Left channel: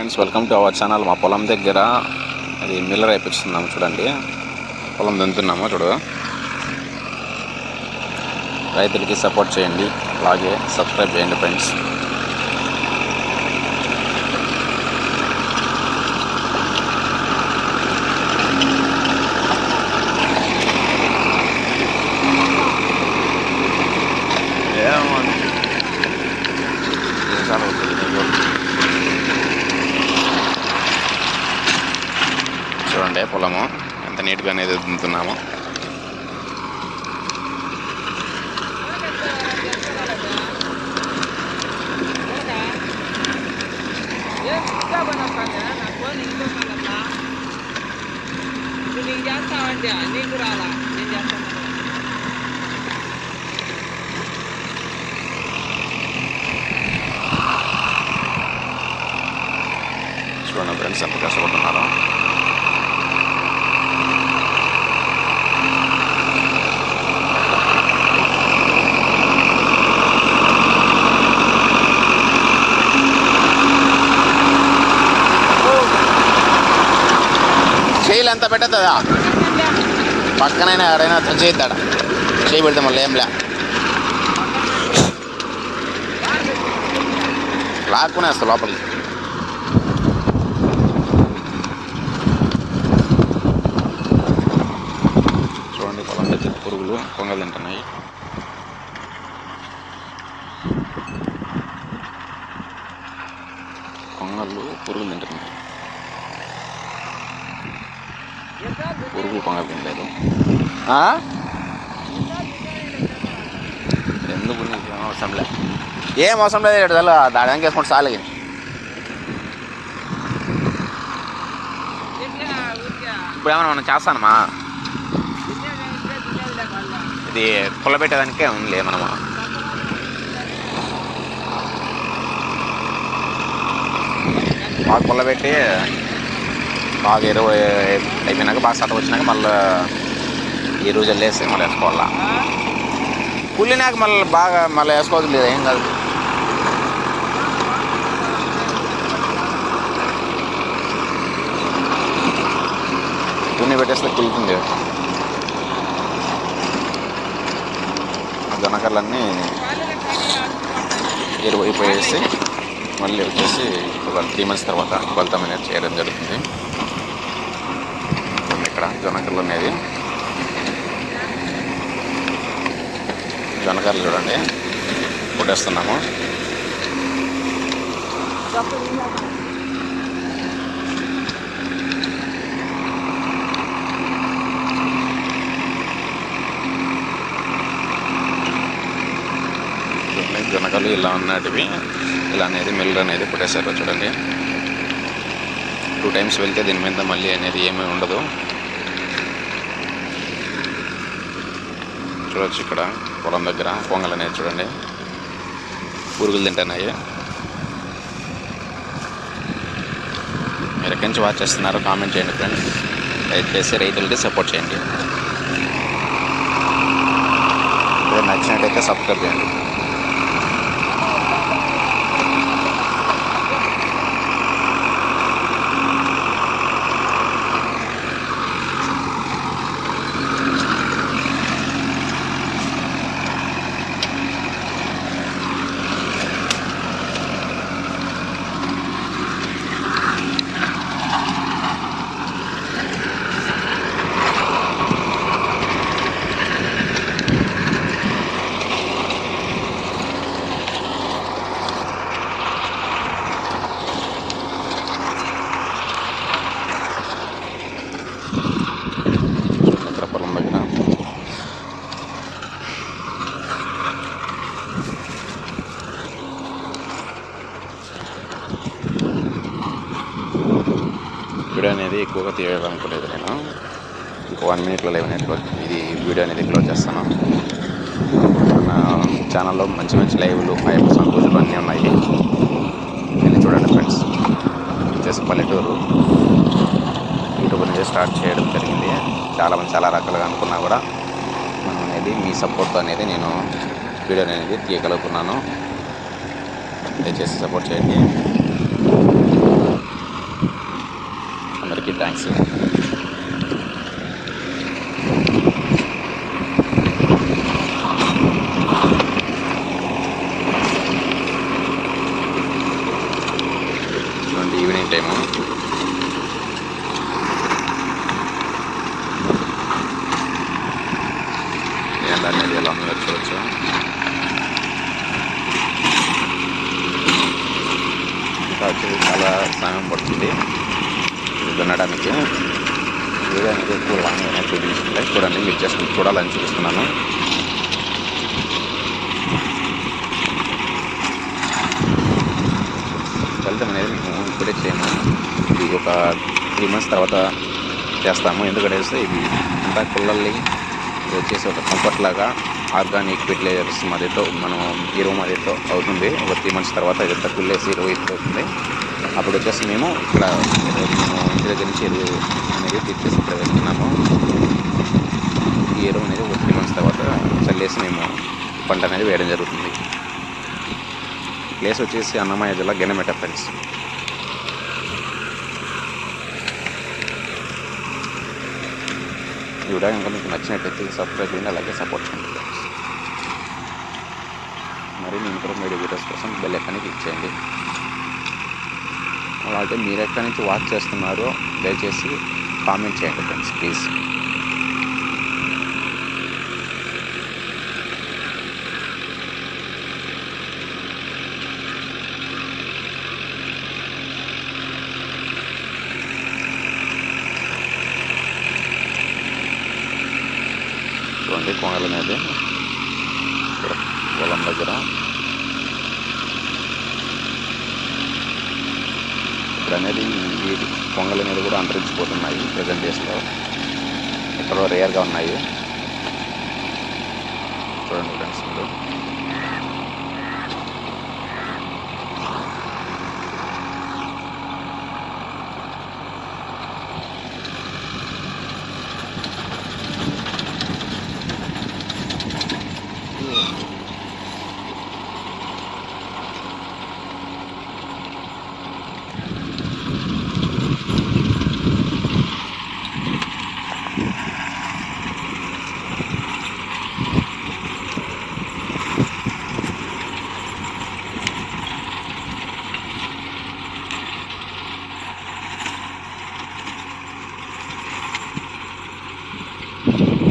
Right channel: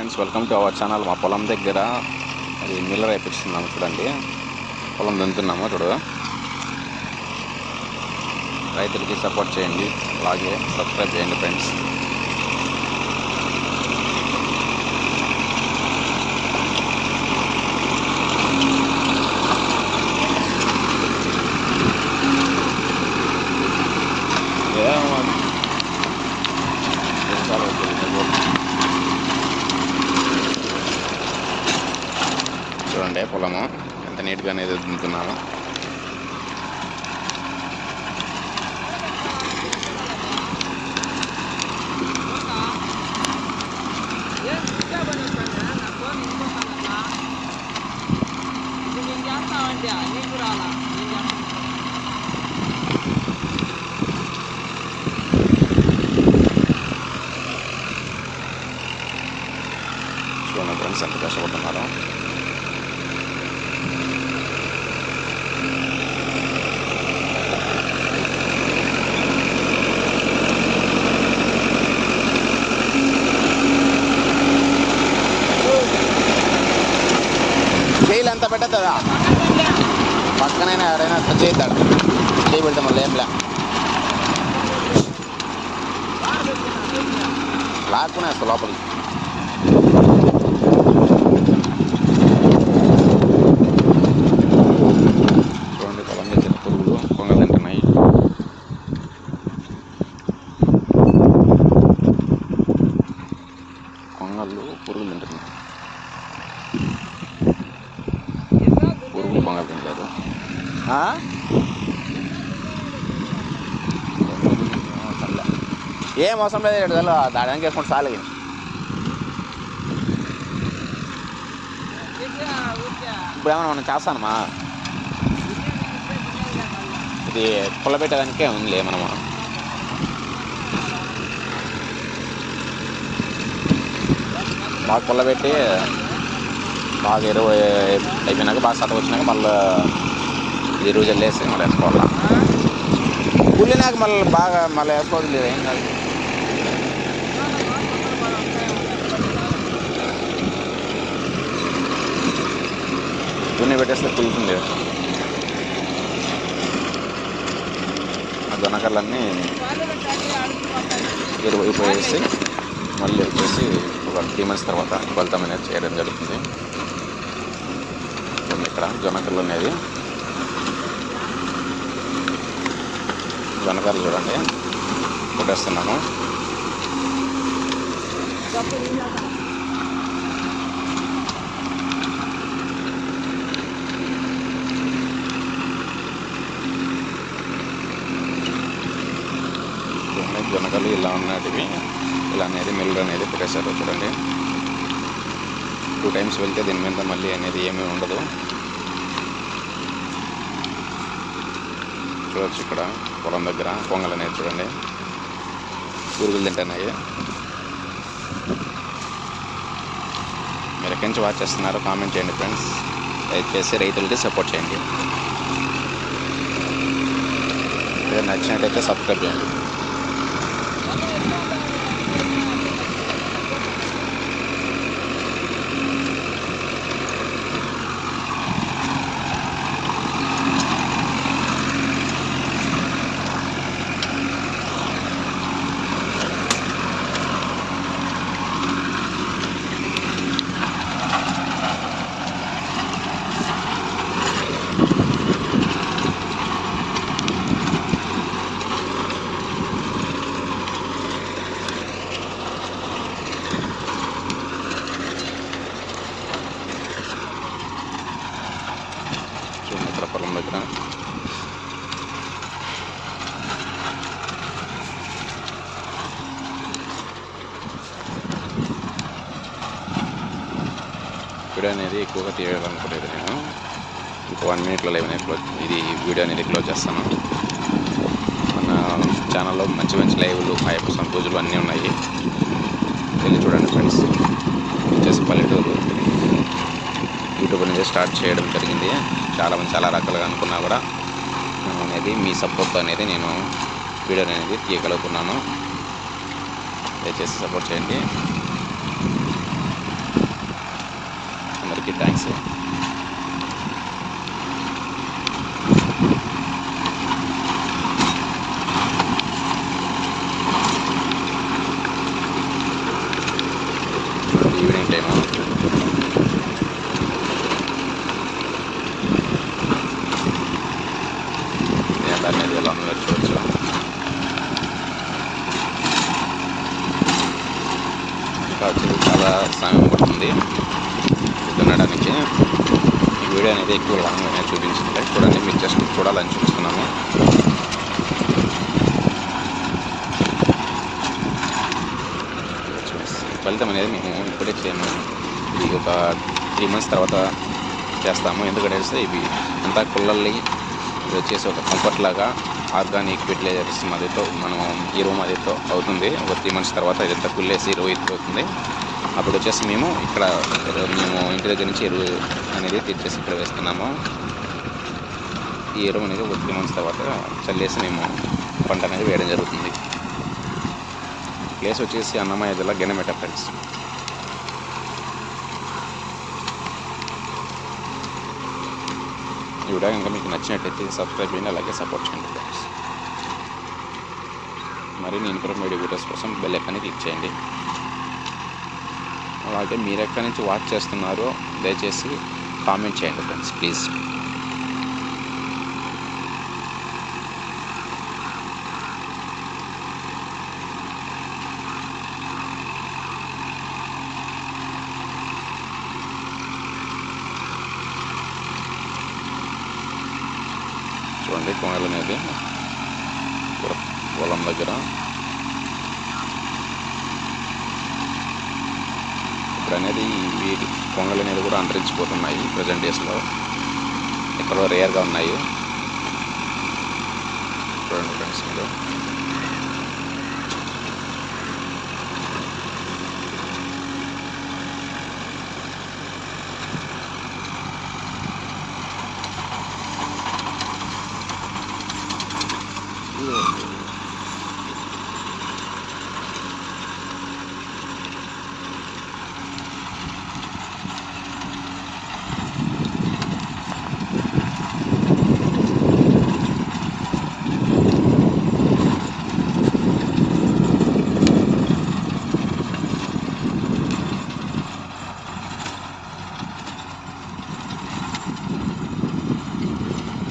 Friends welcome to our channel మా పొలం దగ్గర అది మిల్లర్ అయిపోతున్నాము చూడండి. పొలం దున్నుతున్నాము చూడు. రైతులకి సపోర్ట్ చేయండి. అలాగే సబ్స్క్రైబ్ చేయండి ఫ్రెండ్స్ ఏమో దేశాలు వస్తుంది నీకు. చూడండి పొలము. ఎంత నీట్గా అనేది దున్నుతున్నాము. చూడండి ఫ్రెండ్స్ ఎంత కష్టపడుతున్నారు. చేయలు ఎంత పెట్టద్దా? పక్కనైనా ఎవరైనా టచ్ చేద్దాడ చేయి పెడితే మళ్ళీ ఏం లాక్కునే వస్తా లోపలికి చూడండి పొలం దగ్గర పురుగులు కొంగ తింటున్నాయి కొంగలు పురుగులు తింటున్నాయి ఆ? ఎందుకు నీకు ఏం అవసరం లే. ఏం అవసరం లేదు ఇక్కడ తెల్ల దాని వెనక వేసుకుంటే చాలు కానీ ఇప్పుడు ఏమన్నా మనం చేస్తానమ్మా? ఇది పుల్ల పెట్టేదానికే ఉందిలే మనము బాగా పుల్ల పెట్టి బాగా ఇరవై అయిపోయినాక బాగా సత వచ్చినాక మళ్ళీ ఈ రోజు వెళ్ళేసి మళ్ళీ వేసుకోవాలా? కుళ్ళినాక మళ్ళీ బాగా మళ్ళీ వేసుకోవచ్చు లేదు ఏం కాదు. దున్ని పెట్టేస్తే కుళ్ళుతుంది ఆ జొన్నకర్లన్నీ ఎరువు అయిపోయేసి మళ్ళీ వచ్చేసి ఒక త్రీ మంత్స్ తర్వాత ఫలితం అనేది చేయడం జరుగుతుంది. ఇక్కడ జొన్నకర్రలు అనేది జొన్నకర్రలు చూడండి. కొట్టేస్తున్నాము. చూడండి జొన్నకలు ఇలా ఉన్నటివి. ఇలా అనేది మిల్లర్ అనేది పుట్టేశారు చూడండి. టూ టైమ్స్ వెళ్తే దీని మీద మళ్ళీ అనేది ఏమీ ఉండదు. చూడొచ్చు ఇక్కడ పొలం దగ్గర పొంగల్ అనేది చూడండి. పురుగులు తింటున్నాయి. మీరు ఎక్కడి నుంచి వాచ్ చేస్తున్నారో కామెంట్ చేయండి ఫ్రెండ్స్ దయచేసి రైతులకి సపోర్ట్ చేయండి. నచ్చినట్టయితే సబ్స్క్రైబ్ చేయండి చూడండి ఇక్కడ పొలం దగ్గర వీడియో అనేది ఎక్కువగా తీయాలనుకోలేదు నేను. ఇంకో వన్ మినిట్లో లెవెన్ క్లోజ్ ఇది వీడియో అనేది క్లోజ్ చేస్తాను. మన ఛానల్లో మంచి మంచి లైవ్లు ఫైవ్ పర్సెంట్ రోజులు అన్నీ ఉన్నాయి. వెళ్ళి చూడండి ఫ్రెండ్స్. వచ్చేసి పల్లెటూరు. యూట్యూబ్ అనేది స్టార్ట్ చేయడం జరిగింది. చాలామంది చాలా రకాలుగా అనుకున్నా కూడా మనం అనేది మీ సపోర్ట్ అనేది నేను వీడియో అనేది తీయగలుగుతున్నాను. దయచేసి సపోర్ట్ చేయండి. అందరికీ థ్యాంక్స్ చూడండి ఈవినింగ్ టైము ఎండ అనేది ఎలా ఉందో చూడొచ్చు ఇంకా వచ్చేది చాలా సమయం పడుతుంది ఇది దున్నడానికి వీడియో అనేది ఎక్కువ లాంగ్ అనేది చూపించట్లేదు చూడండి మీకు జస్ట్ చూడాలని చూపిస్తున్నాను. ఫలితం అనేది మేము ఇప్పుడే చేయము ఇది ఒక త్రీ మంత్స్ తర్వాత చేస్తాము. ఎందుకంటే ఇవి అంతా కుళ్ళల్ని ఇది వచ్చేసి ఒక కంఫర్ట్ లాగా ఆర్గానిక్ ఫెర్టిలైజర్స్ మధ్యతో మనం ఎరువు మధ్యతో అవుతుంది. ఒక త్రీ మంత్స్ తర్వాత ఇదంతా కుళ్ళేసి ఎరువు ఎత్తు అవుతుంది అప్పుడు వచ్చేసి మేము ఇక్కడ మేము ఇంటి దగ్గర నుంచి ఎరువు అనేది తెచ్చేసి ఇక్కడ వేస్తున్నాము. ఈ ఎరువు అనేది ఒక త్రీ మంత్స్ తర్వాత చల్లేసి మేము పంట అనేది వేయడం జరుగుతుంది. ప్లేస్ వచ్చేసి అన్నమయ్య జిల్లా గెనమెట ఫ్రెండ్స్. ఈ వీడియో కనుక మీకు నచ్చినట్లయితే సబ్స్క్రైబ్ చేయండి అలాగే సపోర్ట్ చేయండి. మరిన్ని ఇన్ఫర్మేటివ్ వీడియోస్ కోసం బెల్ ఎక్కని క్లిక్ చేయండి. అలాగే మీరు ఎక్కడి నుంచి వాచ్ చేస్తున్నారో దయచేసి కామెంట్ చేయండి ఫ్రెండ్స్ ప్లీజ్ చూడండి కొంగల అనేది ఇక్కడ పొలం దగ్గర. ఇప్పుడు అనేది వీటి కొంగలు అనేది కూడా అంతరించిపోతున్నాయి ప్రజెంట్ డేస్లో. ఎక్కడో రేర్గా ఉన్నాయి. చూడండి ఫ్రెండ్స్ మీరు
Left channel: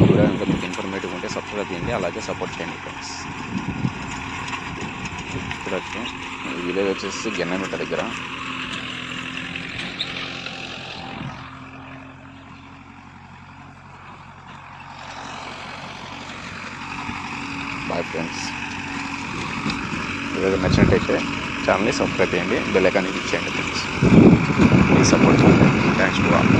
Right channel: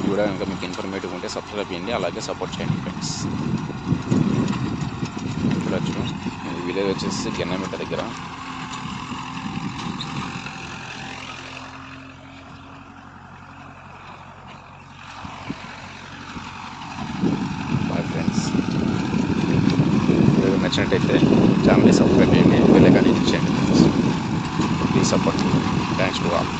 వీడియో కనుక మీకు ఇన్ఫర్మేటివ్ సబ్స్క్రైబ్ చేయండి అలాగే సపోర్ట్ చేయండి ఫ్రెండ్స్ చూడొచ్చు ఈ విలేజ్ వచ్చేసి గెన్నమిట్ట దగ్గర. బాయ్ ఫ్రెండ్స్ వీడియో నచ్చినట్టయితే ఛానల్ని సబ్స్క్రైబ్ చేయండి బెల్ కానీ ఇచ్చేయండి ఫ్రెండ్స్ ప్లీజ్ సపోర్ట్ చేయండి థ్యాంక్స్ టు ఆల్